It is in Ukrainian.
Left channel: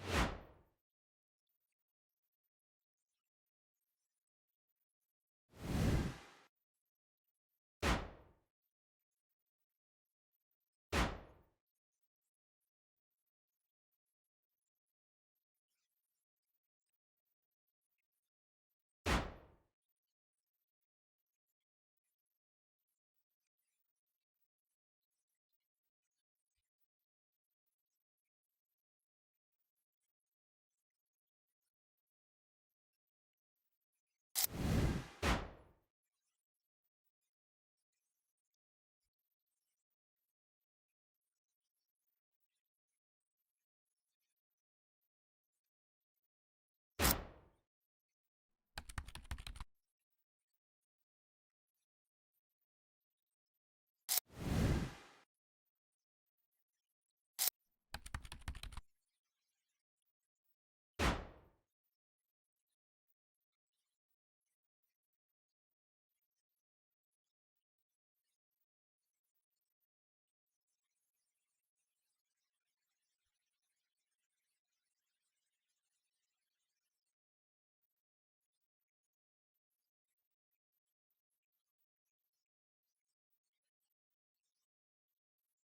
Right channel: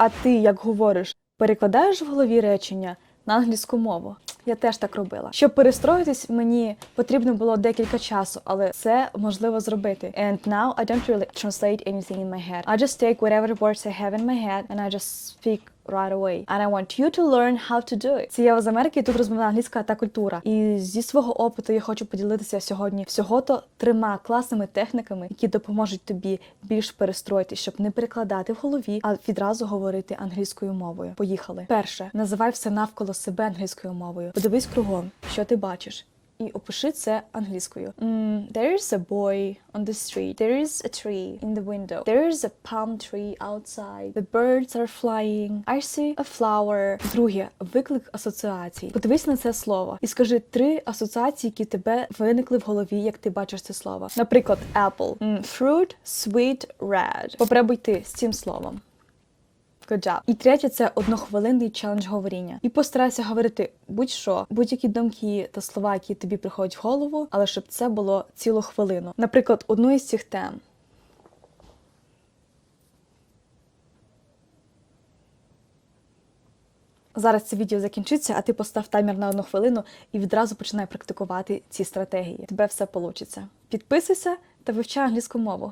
А ти, як говориш, перекладаєш в голові речення на англійську мову? Я теж так робила. Щоб перестроїтись, мені потрібно було декілька часу, але це можливо зробити. And now I don't really translate anything in my head. I just take whatever words I have in my head and I just speak right away. And I want you to learn how to do it. Це я з Америки, тут розмовляю англійська та культура. І зі свого опиту я хочу поділитися сьогодні всього-то трьома класними техніками, які допоможуть тобі більш перестроїти, щоб не перекладати в голові, а відразу говорити англійською мовою. Поїхали. Перше, називай все навколо себе англійською мовою. Подивись кругом, що ти бачиш. І опиши це англійською. Mm, there is a boy on the street. There is a tree in the window. There is a palm tree outside. The birds are flying. I see a flower. Друге, виклик асоціацій. Подивись на це слово і скажи три асоціації, які тебе виникли в голові, як ти бачиш це слово. Наприклад, apple. Mm, fruit, sweet, red. Попробуй ти з цим словом. Good. І третє це однохвилинний челендж говоріння. І постарайся говорити будь-що, будь-які думки та слова, які тобі приходять в голову, але щоб це було цілу хвилину. Наприклад, одну із цих тем. Зараз це відео закінчиться, а ти постав таймер на одну хвилину і відразу починай практикувати ці стратегії. Тебе все вийде. Підписуйся та вивчай англійську мову.